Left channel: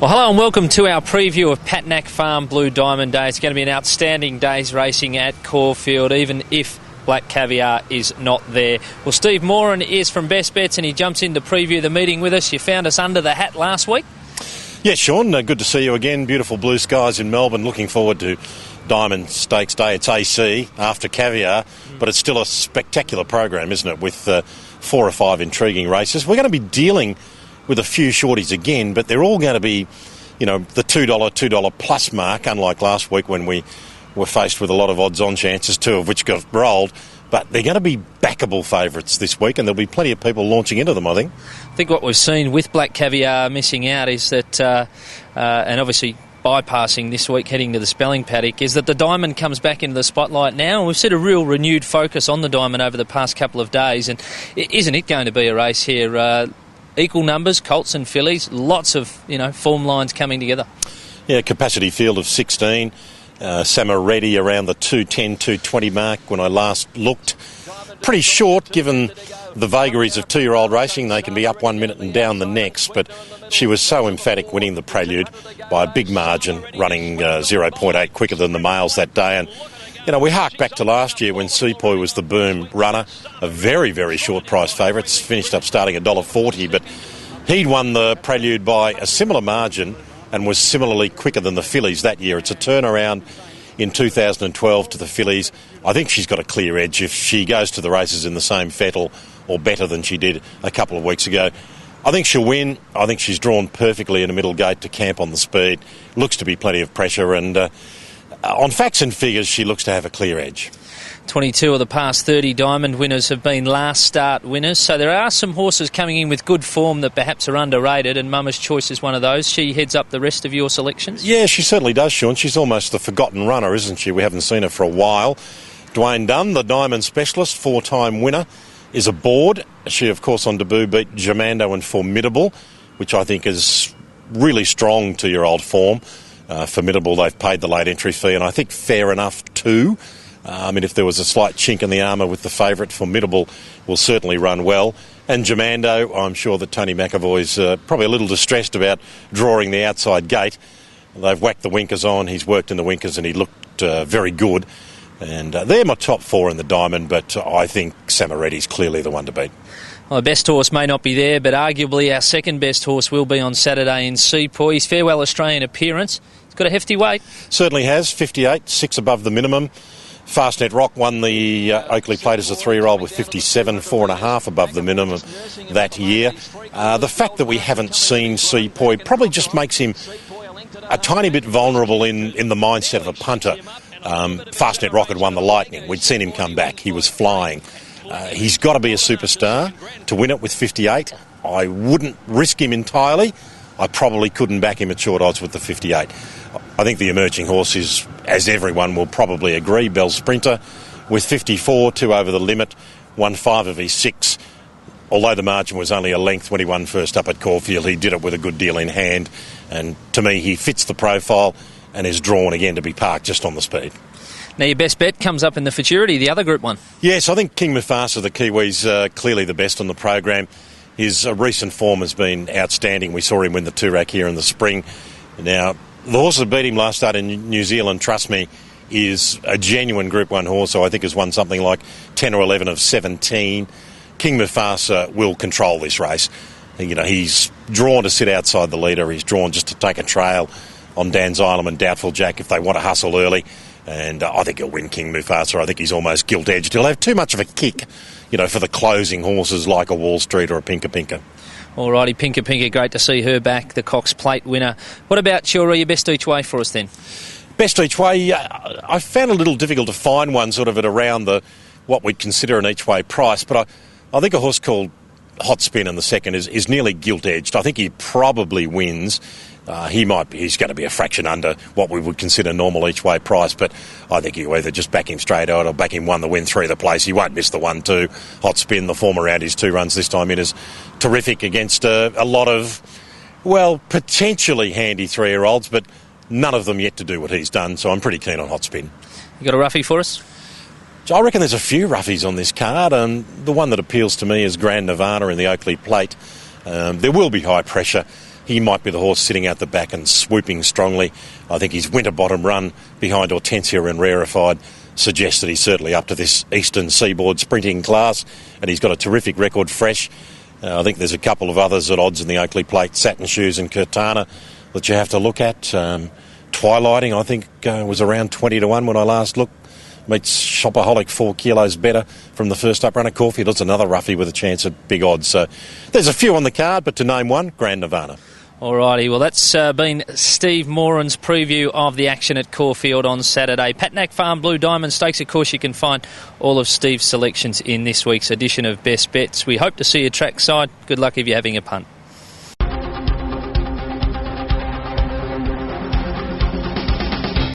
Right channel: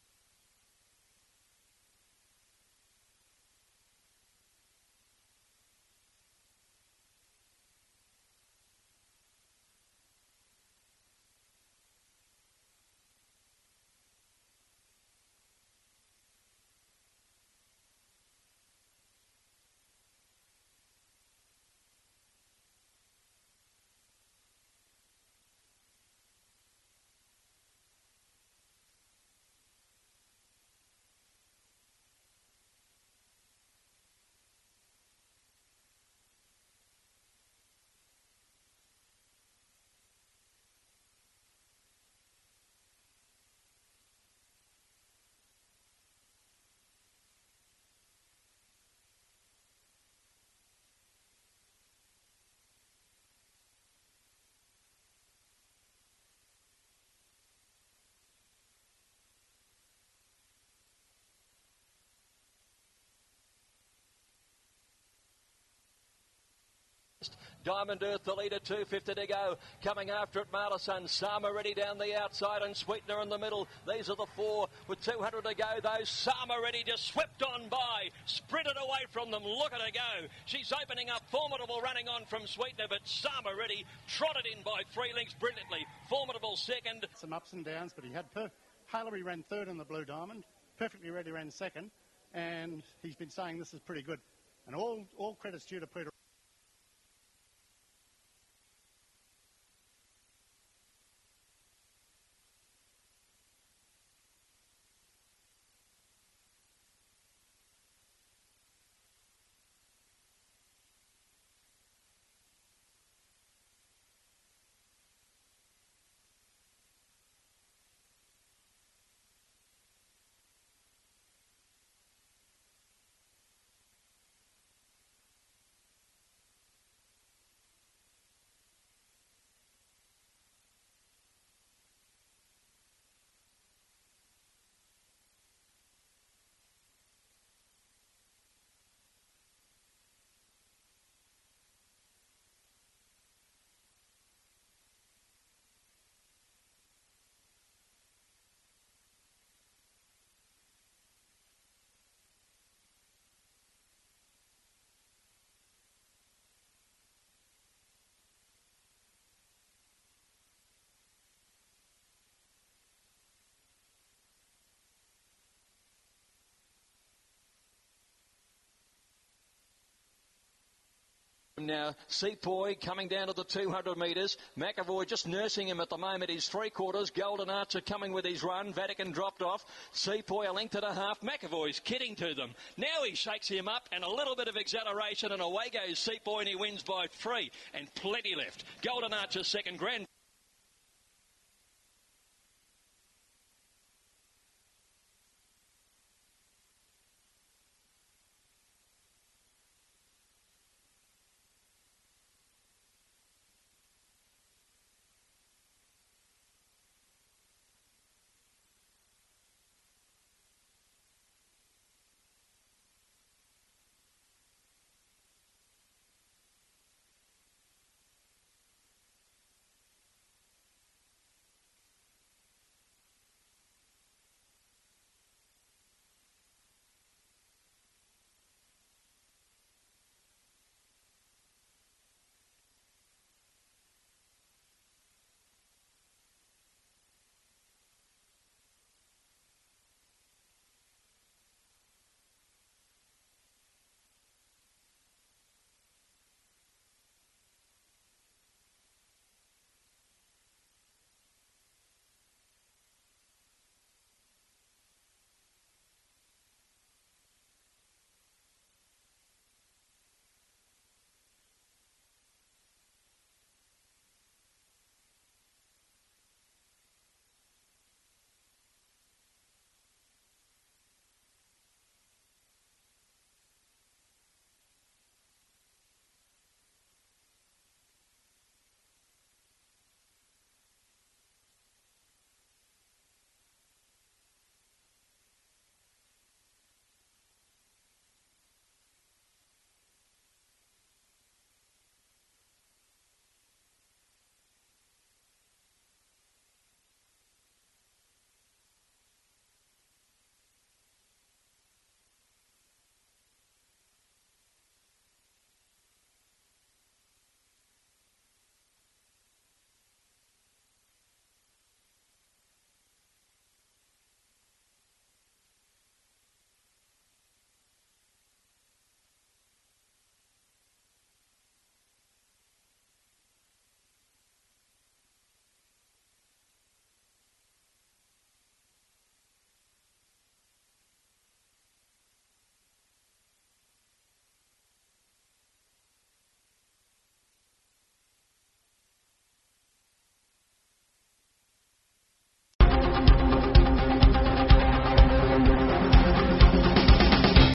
Well, hello and welcome to our preview of Patnack Farm Blue Diamond Day. It's going to be an outstanding day's racing at Caulfield, even if Black Caviar is not there. Well, Steve Moran is from Best Bets and he jumps in to preview the meeting with us. You found us under the hat last week. Yes, Sean, good to see you again. Beautiful blue skies in Melbourne. Looking forward to Diamond Stakes Day. It's AC after Caviar, but it's still a spectacular program, isn't it, with 4 or 5 intriguing races. We're going to be dealing with a few shorties again, but they're all going to be, the $2 plus mark, unlike last week when we were faced with a lot of odds-on chances, 2 of which got rolled. But they're going to be backable favourites this week, and there'll be plenty of people launching into them, I think. I think what we've seen with Black Caviar missing out is that, and obviously bypassing this week heading to the Spelling Paddock, is that the Diamond comes back into the spotlight now, and we've seen a real renewed focus on the Diamond over the past couple of days, and isn't it going to be a race here? Equal numbers, Colts and fillies, lots of, form lines coming together. Yeah, capacity field of 16. Samaretti around the 210, 220 mark when I last looked. Pretty short given the vagaries of 2-year-old racing. They can be up 1 minute and down the next, but she was so emphatic winning the Prelude by a big margin, running 0.8 quicker than the males that day. And we hark back to last year when Sepoy was the boom runner, a very, very short price favourite, finished up starting at $1.40, but he'd won the Prelude by a similar margin and was similarly quicker than the fillies that year. It's a turnaround in 2012 to the fillies. I think she's got a clear edge if she goes to the races in the same fettle or better than she did a couple of weeks ago. I think she'll win. I think she's drawn perfectly in a middle gate to camp on the speed. Looks to be plenty of pressure, and on facts and figures, she looks to have a clear edge. 22 of the past 30 Diamond winners have been last start winners, so there are some horses coming in with good form that perhaps are underrated, and Mama's Choice is one of those. She heads up the rest of your selections? Yeah, she certainly does, Sean. She's almost the forgotten runner, isn't she? We haven't seen her for a while. Dwayne Dunn, the Diamond specialist, 4-time winner, is aboard. She, of course, on debut beat Germando and Formidable, which I think is really strong 2-year-old form. Formidable, they've paid the late entry fee, and I think fair enough too. If there was a slight chink in the armour with the favourite, Formidable will certainly run well. And Germando, I'm sure that Tony McAvoy's probably a little distressed about drawing the outside gate. They've whacked the winkers on. He's worked in the winkers and he looked very good. And they're my top 4 in the Diamond, but I think Samaretti's clearly the one to beat. Well, the best horse may not be there, but arguably our second best horse will be on Saturday in Sepoy. His Farewell Australian appearance. He's got a hefty weight. Certainly has, 58, 6 above the minimum. Fastnet Rock won the Oakley Plate as a 3-year-old with 57, 4.5 above the minimum that year. The fact that we haven't seen Sepoy probably just makes him a tiny bit vulnerable in the mindset of a punter. Fastnet Rock had won the Lightning. We'd seen him come back. He was flying. He's got to be a superstar to win it with 58. I wouldn't risk him entirely. I probably couldn't back him at short odds with the 58. I think the emerging horse is, as everyone will probably agree, Bell Sprinter with 54, 2 over the limit, won 5 of his 6. Although the margin was only a length when he won first up at Caulfield, he did it with a good deal in hand. And to me, he fits the profile and is drawn again to be parked just on the speed. Now, your best bet comes up in the Futurity, the other Group 1. Yes, I think King Mufasa, the Kiwi's clearly the best on the program. His recent form has been outstanding. We saw him win the Toorak here in the spring. Now, the horse that beat him last start in New Zealand, trust me, is a genuine Group 1 horse, so I think has won something like 10 or 11 of 17. King Mufasa will control this race. He's drawn to sit outside the leader. He's drawn just to take a trail on Dan Xylem and Doubtful Jack if they want to hustle early. And I think he'll win King Mufasa. I think he's almost gilt-edged. He'll have too much of a kick, for the closing horses like a Wall Street or a Pinka Pinka. Alrighty, Pinka Pinka, great to see her back, the Cox Plate winner. What about your best each way for us then? Best each way, I found it a little difficult to find one sort of at around what we'd consider an each way price, but I think a horse called Hot Spin in the second is nearly gilt-edged. I think he probably wins. He's going to be a fraction under what we would consider normal each way price, but I think you either just back him straight out or back him 1 to win 3 the place. He won't miss the 1-2. Hot Spin, the form around his 2 runs this time in is terrific against a lot of, potentially handy 3-year-olds, but none of them yet to do what he's done, so I'm pretty keen on Hot Spin. You got a roughie for us? I reckon there's a few roughies on this card, and the one that appeals to me is Grand Nirvana in the Oakley Plate. There will be high pressure. he might be the horse sitting out the back and swooping strongly. I think his Winterbottom run behind Hortensia and Rarefied suggests that he's certainly up to this Eastern Seaboard sprinting class, and he's got a terrific record fresh. I think there's a couple of others at odds in the Oakley Plate, Satin Shoes and Curtana, that you have to look at. Twilighting, I think, was around 20 to 1 when I last looked. Meets Shopaholic 4 kilos better from the first up runner. Caulfield, it's another roughie with a chance at big odds. So there's a few on the card, but to name one, Grand Nirvana. Alrighty, well that's been Steve Moran's preview of the action at Caulfield on Saturday. Patnack Farm Blue Diamond Stakes, of course you can find all of Steve's selections in this week's edition of Best Bets. We hope to see you trackside. Good luck if you're having a punt.